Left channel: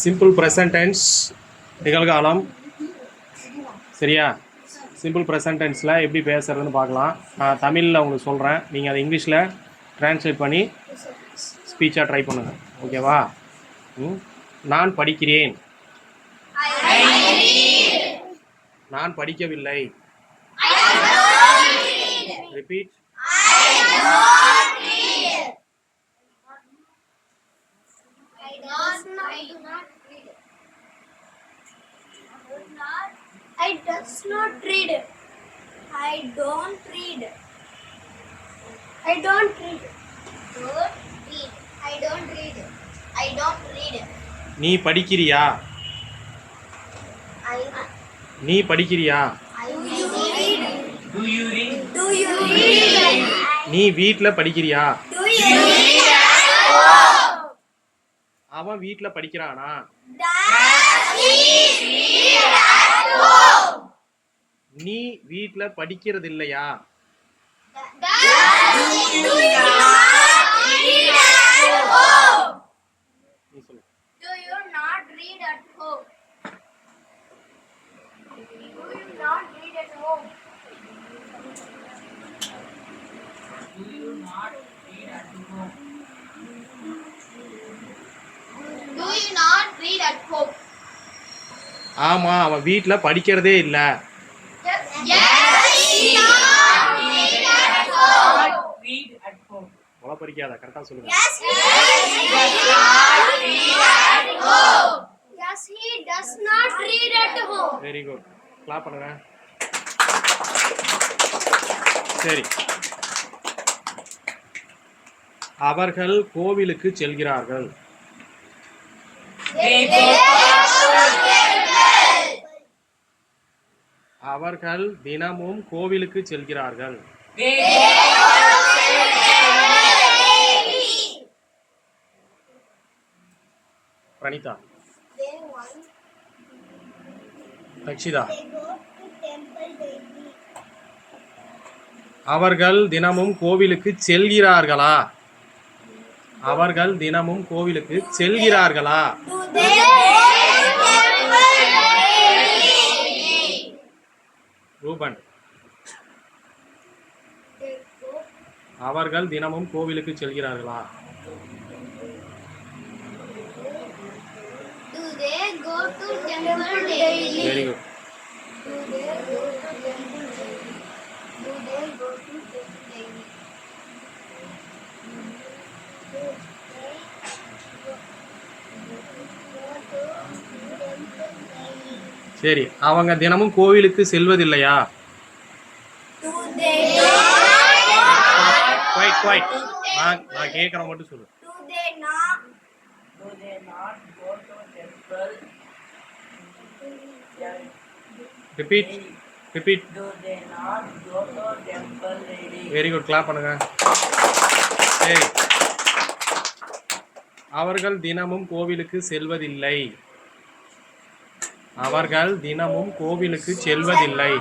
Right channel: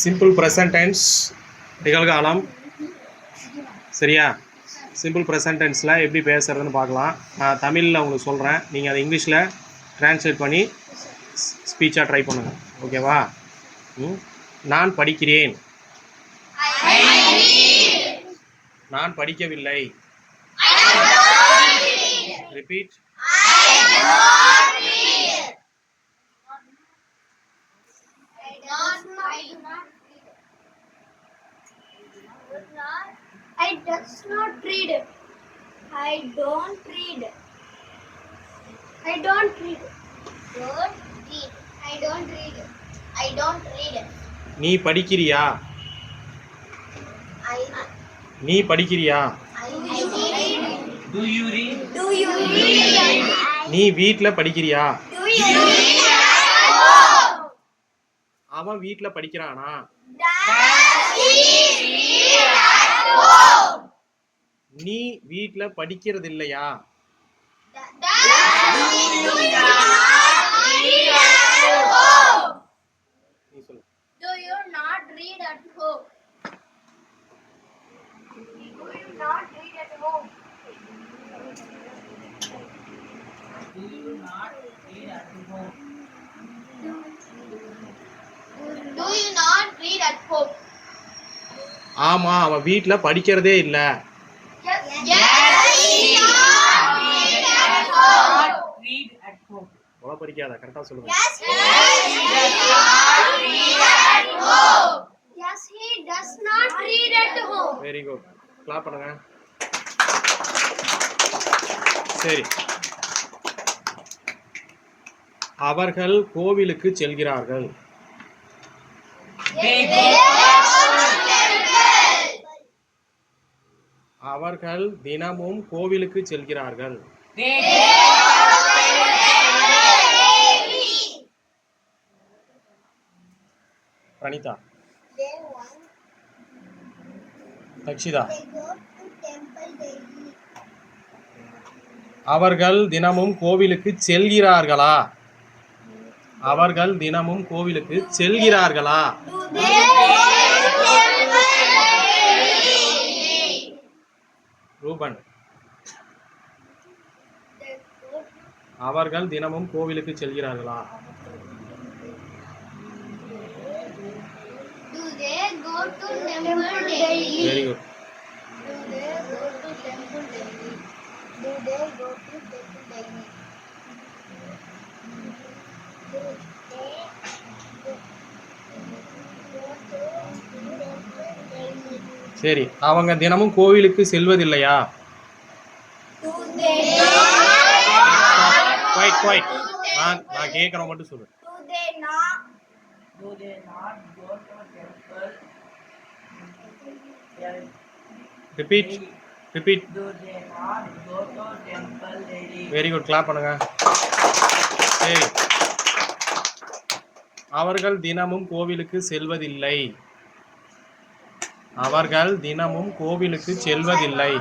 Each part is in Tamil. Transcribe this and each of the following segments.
சிம்பிள் ப்ரெசன்ட் டென்ஸ் நிகழ்காலம். சரியா? சிம்பிள் ப்ரெசன்ட் டென்ஸில் எப்படி பேசுகிறதுன்னு பார்க்கலாம். நான் தமிழில் உங்களுக்கு சொல்கிறேன், நீங்கள் அதை இங்கிலீஷில் ட்ரான்ஸ்லேட் பண்ணி ஸ்பீச்சாக ட்ரை பண்ணுங்கள். ஓகேவா? நான் படிக்கிறேன். நான் படிக்கவில்லை. Repeat. I does not read. I don't read. I don't read. Don't read. I don't read. I don't read. நீ படிக்கிறியா? நீ படிக்கிறியா? Do you read? Do you read? நீ வீட்டில் படிக்கிறியா? Do you read at home? அவன் வீட்டில் படிக்கிறானா? Does he read at home? நீ வீட்டில் படிக்கிறது இல்லையா? Do you not read at home? நீ சொல்லு. Do you not read at home? Do you not read at home? Do you not read at home? Do you not read at home? ஆமாம், அவன் வீட்டில் படிக்கிறதே இல்லை. Yes, he not read at home. Read at home. உல படிக்காத, கரெக்டாக சொல்லுங்க. Yes, he does not read at home. Yes, he does not read at home. Very good. Clap பண்ணுங்க. சரி. அவர்கள் கோவிலுக்கு செல்கிறார்கள். They go அவர்கள் தினமும் கோவிலுக்கு செல்கிறார்கள். They Pranitha, They want. Dakshita, They go to temple daily. அவர்கள் தினமும் கோவிலுக்கு செல்கிறார்களா? அவர்கள் தினமும் கோவிலுக்கு செல்கிறார்களா? Do they go to temple daily? Ruban, They go. அவர்கள் தினமும் கோவிலுக்கு செல்கிறார்களா? Do they go to temple daily? Very good. Do they go to temple daily? Do they go to temple daily? Do they go to temple daily? சரி, அவங்க தினமும் கோவிலுக்கு செல்வதில்லையா? Do they quite. நான் கேட்குறேன் மட்டும் சொல்லு. do they not Do they not go to temple? Repeat. Do they not go to temple daily? Very good. Clap பண்ணுங்க. சரி, அவர்கள் தினமும் கோவிலுக்கு செல்வதில்லை. அவர்கள் தினமும் கோவிலுக்கு செல்வதில்லை.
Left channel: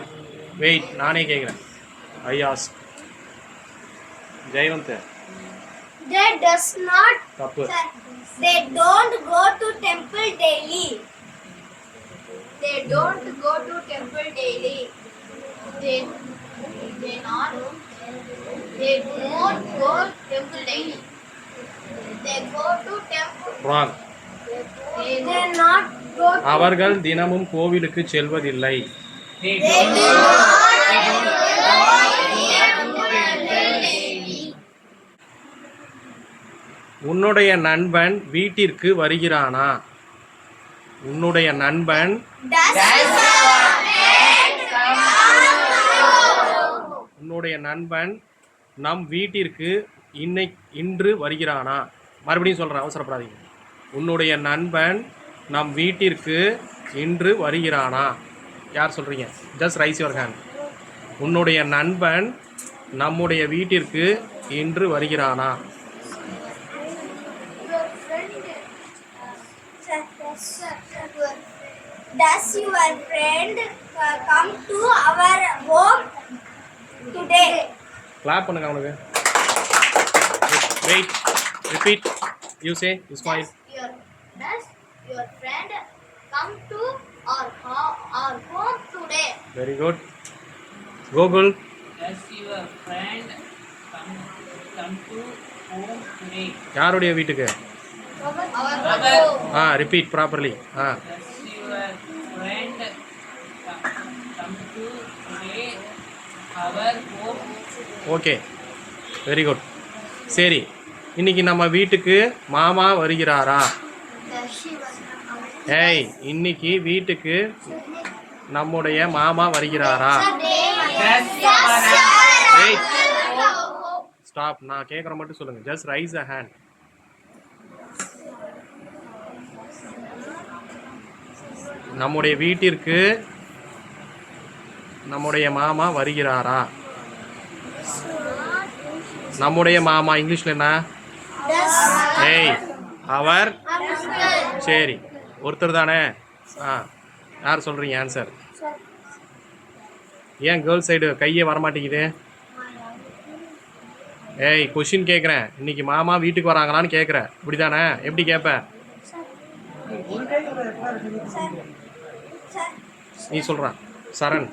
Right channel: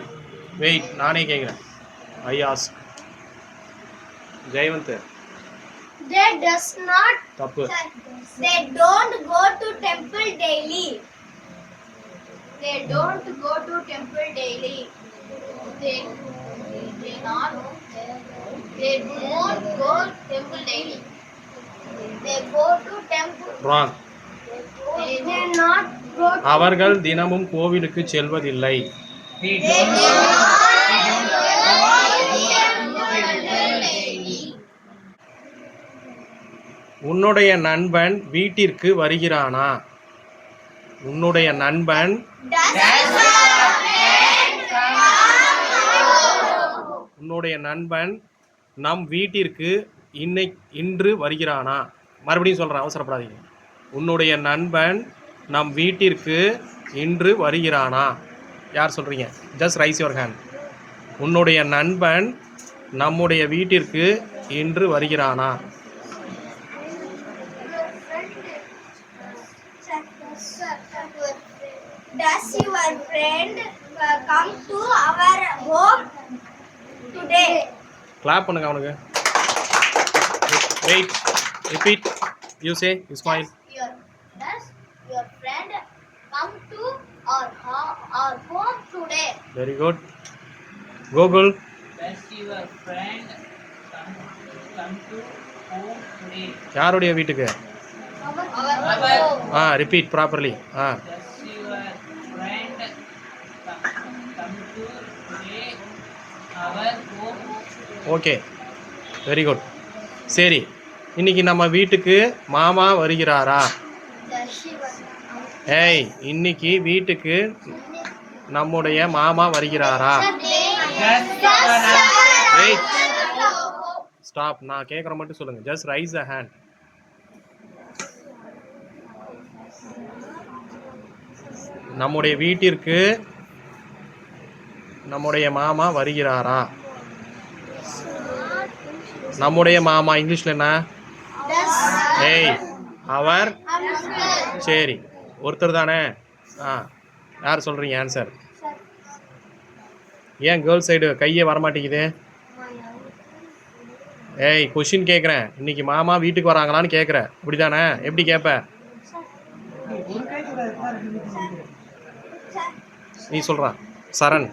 வெயிட், நானே கேட்குறேன். I ask. Jayawant, they does not தப்பு. they don't go to temple daily. They don't go to temple daily. They not they don't go temple daily. They go to temple. Wrong. They not go to அவர்கள் தினமும் கோவிலுக்கு செல்வதில்லை. They they don't do not உன்னுடைய நண்பன் வீட்டிற்கு வருகிறானா? உன்னுடைய நண்பன் உன்னுடைய நண்பன் நம் வீட்டிற்கு இன்று வருகிறானா? மறுபடியும் சொல்கிறேன், அவசரப்படாதீங்க. உன்னுடைய நண்பன் நம் வீட்டிற்கு இன்று வருகிறானா? யார் சொல்கிறீங்க? Just raise your hand. உன்னுடைய நண்பன் நம்முடைய வீட்டிற்கு இன்று வருகிறானா? Does your friend come to our home today? Clap பண்ணுங்க அவனுக்கு. Wait, repeat. You say, you smile. Does your your friend come to our home today? Very good. Google. Does your friend come to home today? யாருடைய வீட்டுக்கு? Our home. Repeat properly. Does your friend come to today our home? Okay, very good. சரி, இன்னைக்கு நம்ம வீட்டுக்கு மாமா வருகிறாரா? Does she was ஏய், இன்னைக்கு வீட்டுக்கு நம்முடைய மாமா வருகிறாரா? ஏய், ஸ்டாப். நான் கேட்குற மட்டும் சொல்லுங்க. ஜஸ்ட் ரைஸ் அ ஹேண்ட். நம்முடைய வீட்டிற்கு நம்முடைய மாமா வருகிறாரா? நம்முடைய மாமா இங்கிலீஷ்ல என்ன? ஏய், அவர். சரி, ஒருத்தர் தானே? யார் சொல்கிறீங்க ஆன்சர்? ஏன் கேர்ள் சைடு கையே வரமாட்டேங்குது? ஏய், கொஷின் கேட்குறேன். இன்னைக்கு மாமா வீட்டுக்கு வராங்களான்னு கேட்குறேன். அப்படி தானே? எப்படி கேட்ப? நீ சொல்கிறான் சரண்.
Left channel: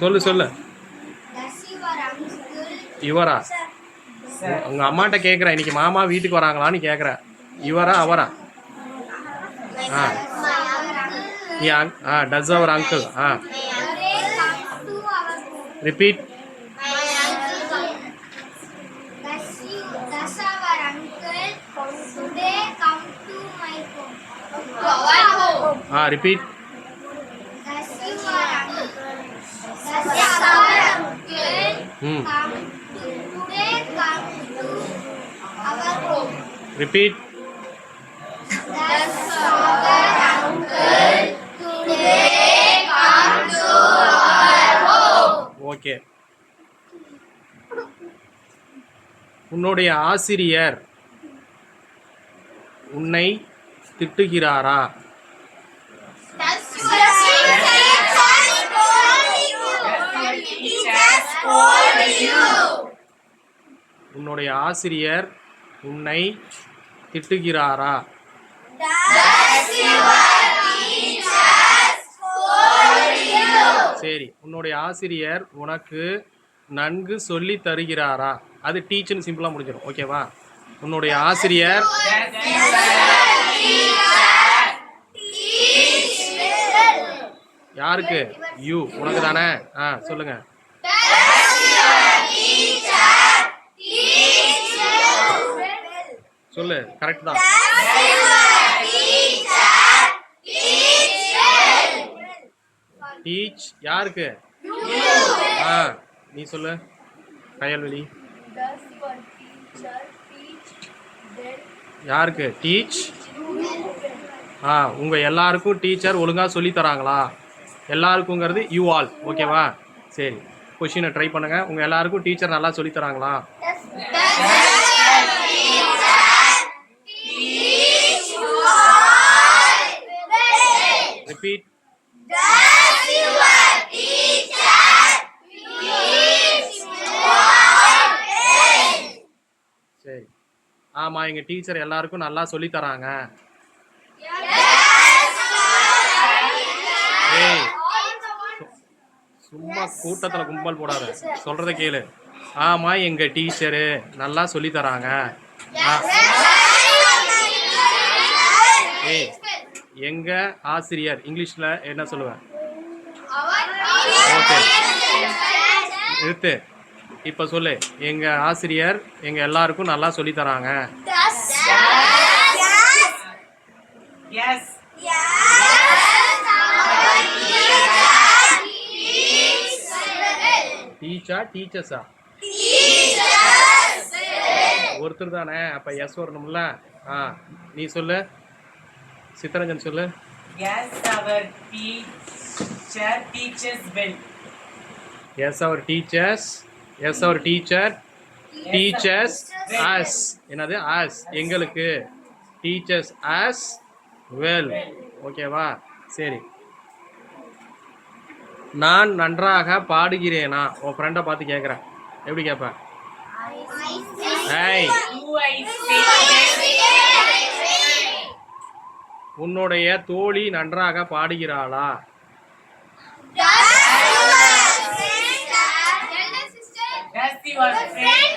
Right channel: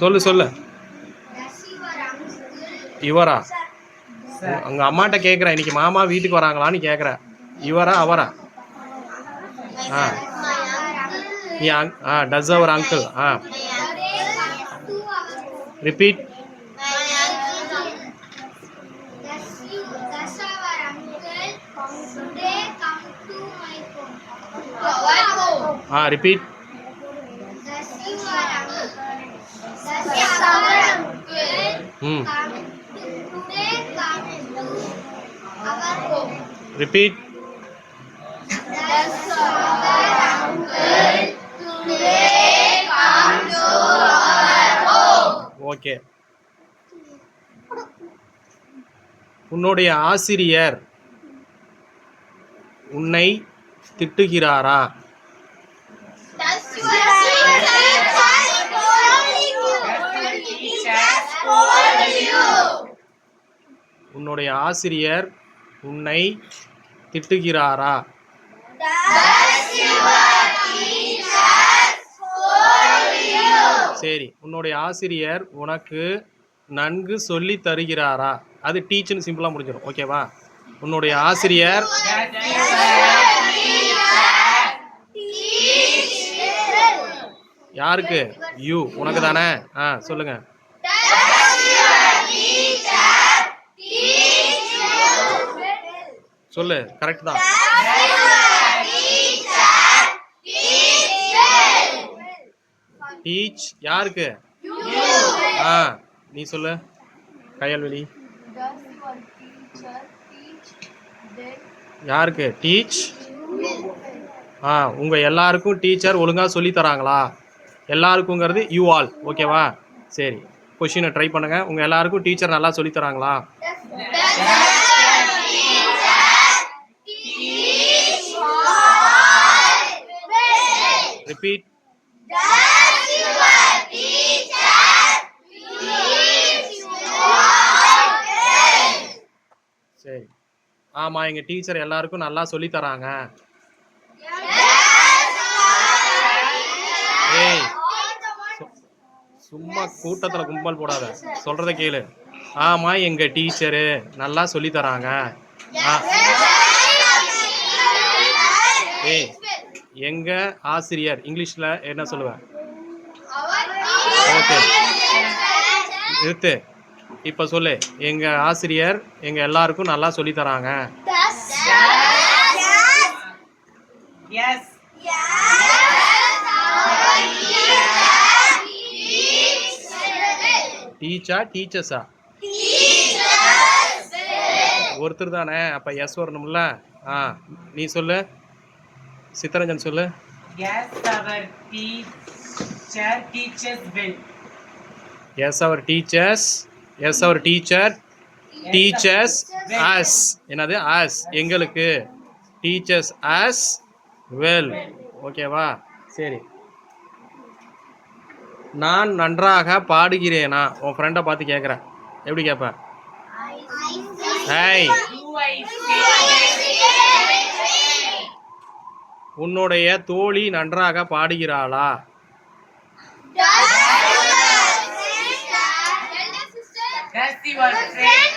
சொல்லு சொல்லு. இவரா? உங்க அம்மாட்ட கேட்குறேன், இன்னைக்கு மாமா வீட்டுக்கு வராங்களான்னு கேட்குறேன். இவரா அவரா? Does our uncle? Repeat. Does our uncle today come to my home? To our home. Repeat. Does our uncle today come to our home? Repeat. Does our uncle today come to our home? Okay. உன்னுடைய ஆசிரியர் உன்னை திட்டுகிறாரா? Does your teacher scold you? உன்னுடைய ஆசிரியர் உன்னை திட்டுகிறாரா? Does your teacher scold you? சரி, உன்னுடைய ஆசிரியர் உனக்கு நன்கு சொல்லி தருகிறாரா? அது டீச்சர்னு சிம்பிளாக முடிஞ்சிடும். ஓகேவா? உன்னுடைய ஆசிரியர் யாருக்கு? யூ, உனக்கு தானே? சொல்லுங்க. சொல்லு, கரெக்ட் தான். டீச் யாருக்கு? நீ சொல்லு கையல்வெளி. யாருக்கு? டீச். உங்க எல்லாருக்கும் டீச்சர் ஒழுங்கா சொல்லி தராங்களா? எல்லாருக்குங்கிறது யூ ஆல். ஓகேவா? சரி, கொஷினை ட்ரை பண்ணுங்க. உங்க எல்லாருக்கும் டீச்சர் நல்லா சொல்லி தராங்களா? ரிப்பீட். சரி, ஆமா, எங்க டீச்சர் எல்லாருக்கும் நல்லா சொல்லி தராங்க. ஏய், சும்மா கூட்டத்துல கும்பல் போடாத, சொல்றத கேளு. ஆமா, எங்க டீச்சரு நல்லா சொல்லி தராங்க. ஏய், எங்க ஆசிரியர் இங்கிலீஷ்ல என்ன சொல்லுவேன்? ஓகே, நிறுத்து. இப்ப சொல்லு, எங்க ஆசிரியர் எங்க எல்லாருக்கும் நல்லா சொல்லி தராங்க. Yes. டீச்சா டீச்சர்ஸா? ஒருத்தர் தானே, அப்ப எஸ் வரணும்ல. நீ சொல்லு. சித்தரஞ்சன் சொல்லு. Yes, our teacher teaches well. Yes our teachers. Yes our teacher teachers us. என்னது? அஸ், எங்களுக்கு. Teachers us well. ஓகேவா? சரி, நான் நன்றாக பாடுகிறேனா? உன் ஃப்ரெண்டை பார்த்து கேட்குறேன். எப்படி கேட்பேன்? ஏய் Do I speak well? உன்னுடைய தோழி நன்றாக பாடுகிறாளா? Does your friend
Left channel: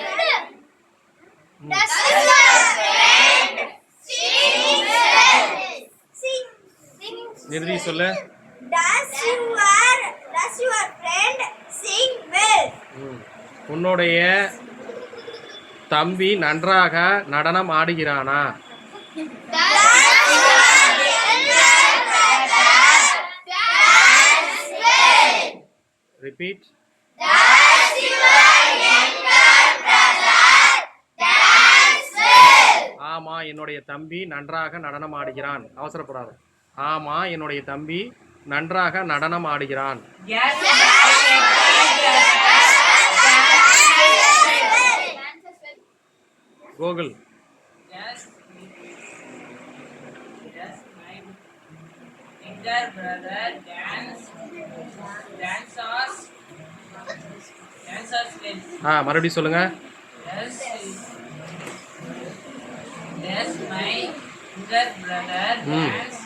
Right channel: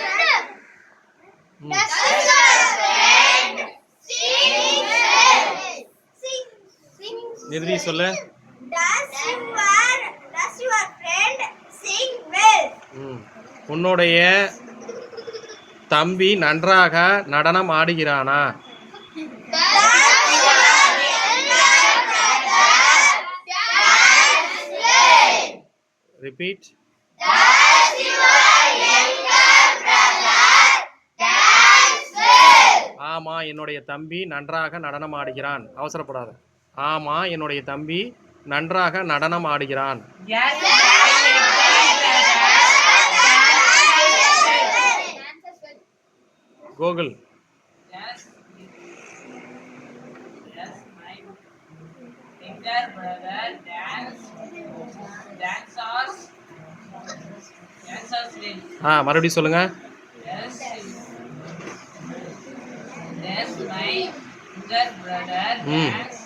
நிறுதி சொல்லு. Does your friend sing well? உன்னுடைய தம்பி நன்றாக நடனம் ஆடுகிறானா? ரிப்பீட். ஆமா என்னுடைய தம்பி நன்றாக நடனம் ஆடுகிறான். அவசரப்படாத. ஆமா என்னுடைய தம்பி நன்றாக நடனம் ஆடுகிறான். yes, Gokul. yes, yes, my younger brother dances well. மறுபடியும் சொல்லுங்க. Yes, yes, my younger brother dances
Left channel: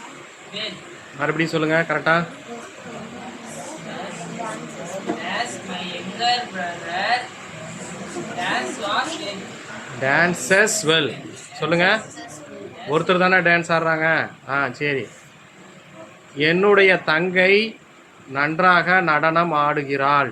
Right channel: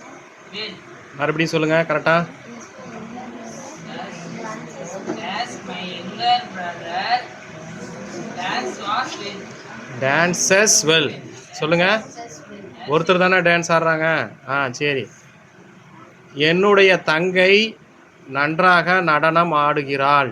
well. மறுபடியும் சொல்லுங்க கரெக்டா. Yes, my younger brother dances well. சொல்லுங்க. ஒருத்தர் தானே டான்ஸ் ஆடுறாங்க. சரி. என்னுடைய தங்கை நன்றாக நடனம் ஆடுகிறாள்.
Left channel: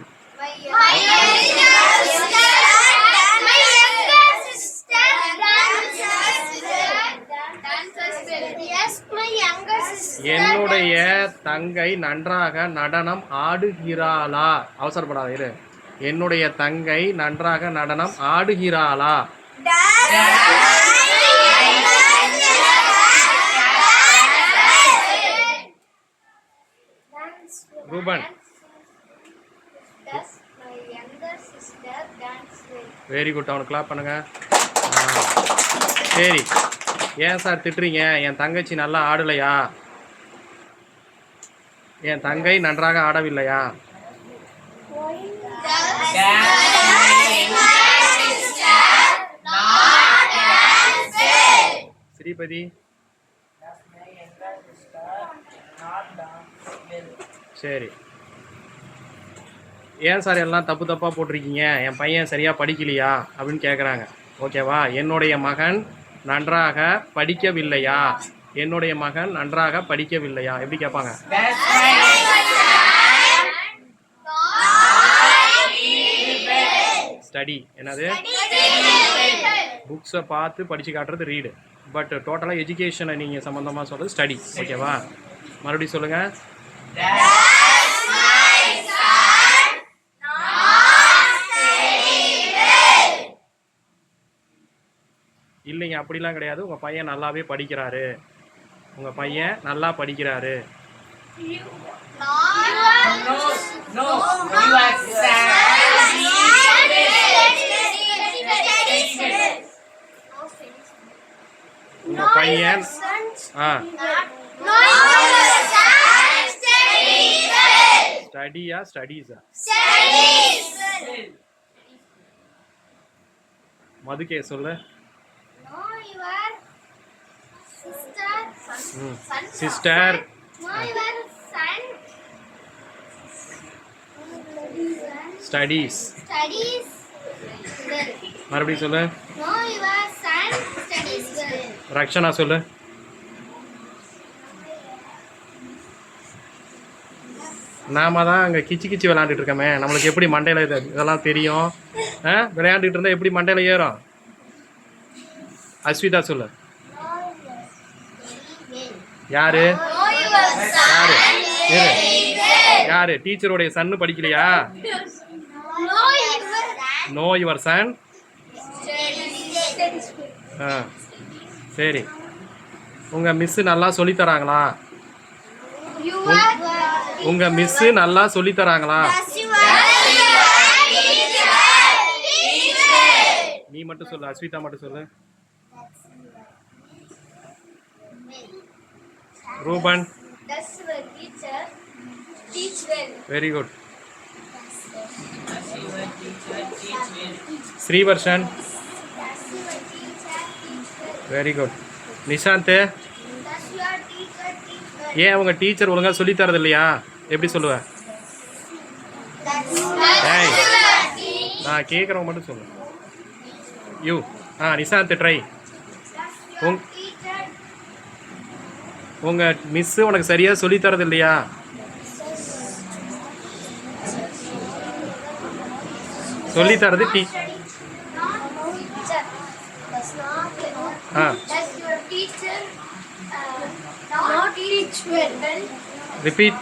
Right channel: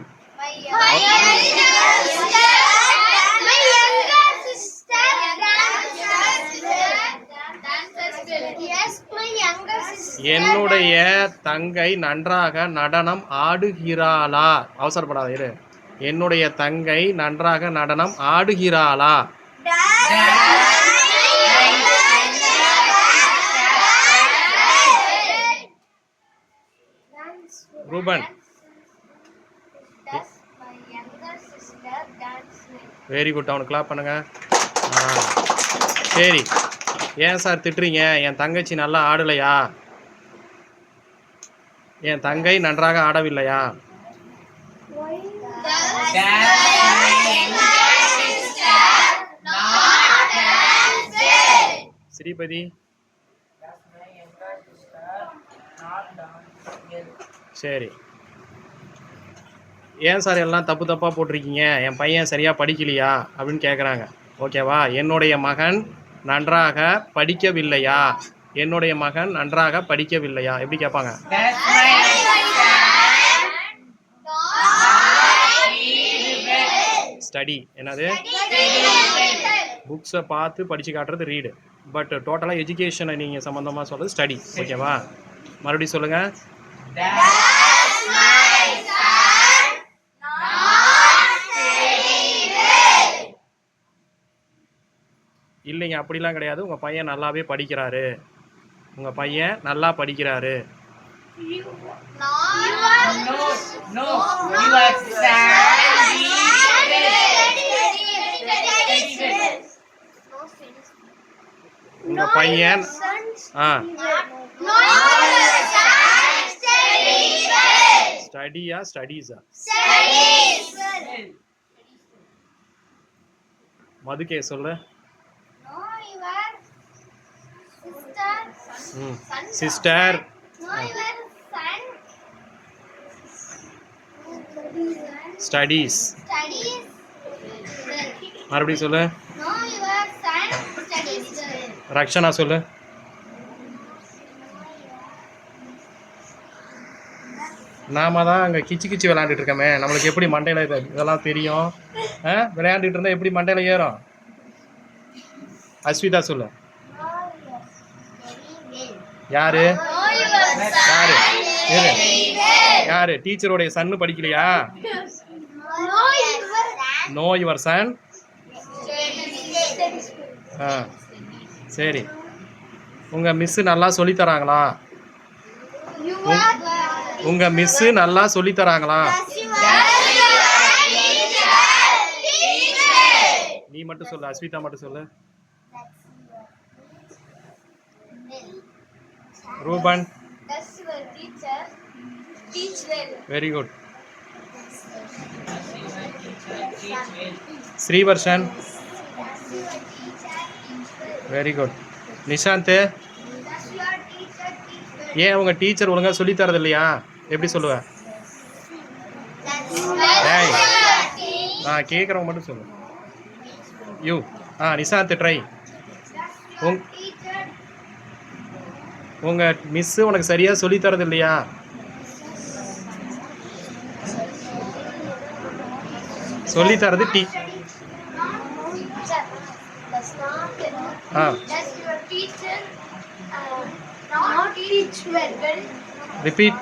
என்னுடைய தங்கை நன்றாக நடனம் ஆடுகிறாளா? அவசரப்படாத இரு. என்னுடைய தங்கை நன்றாக நடனம் ஆடுகிறாளா? ரூபன். Very good. அவனுக்கு கிளாப் பண்ணுங்க. சரி. ஏன் சார் திட்டுறீங்க? என் தங்கச்சி நல்லா ஆடலையா? என் தங்கை நன்றாக ஆடவில்லையா? ஸ்ரீபதி. சரி. ஏன் சார் எல்லாம் தப்பு தப்பாக போட்டிருக்கீங்க? என் பையன் சரியாக படிக்கலையா அப்படின்னு கேட்குறாங்க. ஓகேவா? என்னுடைய மகன் நன்றாக படிக்கவில்லையா? என்னுடைய மகன் நன்றாக படிக்கவில்லையா எப்படி கேட்பாங்க? ஸ்டடி. என்னது? புக்ஸை பார்த்து படித்து காட்டுறது ரீடு. பட் டோட்டலாக எஜுகேஷனை நீங்கள் சம்மந்தமாக சொல்கிறது ஸ்டடி. ஓகேவா? மறுபடியும் சொல்லுங்கள். இல்லைங்க அப்படிலாம் கிடையாது. உங்கள் பையன் நல்லாவே படிக்கிறாரு. உங்கள் பையன் நல்லா படிக்கிறாரு. உங்கள் பையன் ஸ்டடியா ஸ்டடீஸா? மதுக்கே சொல்லு. சிஸ்டர். ஸ்டடீஸ். மறுபடியும் சொல்லு. ரக்ஷனா சொல்லு. நாம தான் அங்கே கிச்சு கிச்சு விளையாண்டுட்டு இருக்கோமே, நம்மளுக்கு எப்படி மண்டையில் இதெல்லாம் தெரியும்? விளையாண்டுட்டு இருந்தால் எப்படி மண்டையில் ஏறும்? அஸ்விதா சொல்லு. யாரு யாரு யாரு? டீச்சருடைய சன்னு படிக்கலையா? No your son. சரி. உங்கள் மிஸ்ஸு நல்லா சொல்லித்தராங்களா? உங்கள் மிஸ்ஸு நல்லா சொல்லித்தராங்களா? நீ மட்டும் சொல்லு. அஸ்விதா மட்டும் சொல்லு. Ruban. Very good. Srivarshan. your teacher teach well? Very good. Nishanth, Does your teacher teach well? ஏன் உங்கள் டீச்சர் ஒழுங்காக சொல்லித் தரது இல்லையா? எப்படி சொல்லுவ? ஏய், நான் கேட்குறவங்க மட்டும் சொல்லு. You. Nishanth try. Does your teacher உங்கள் மிஸ்ஸு உனக்கு சரியாக சொல்லித் தரது இல்லையா? சொல்லித் தரது teacher does not ah does your teacher not teach well? Repeat.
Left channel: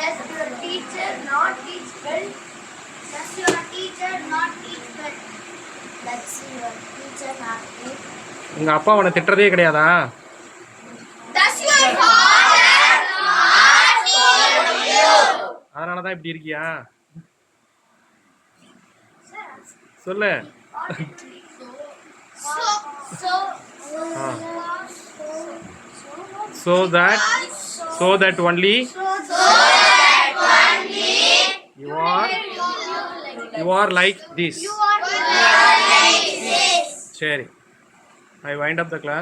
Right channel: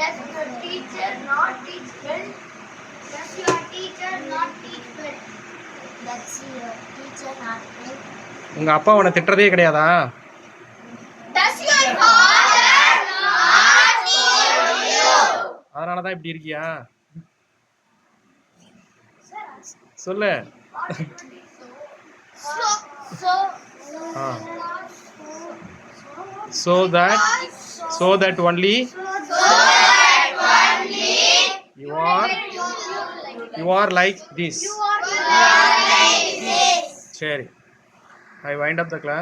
Does your teacher not teach well? Does your teacher not teach well? Does your teacher not teach? உங்கள் அப்பா உன்னை திட்டுறதே கிடையாதா? Does your father not teach you? அதனால தான் இப்படி இருக்கியா? சொல்லு. So ah so that only you are like this. சரி, I wind up the class.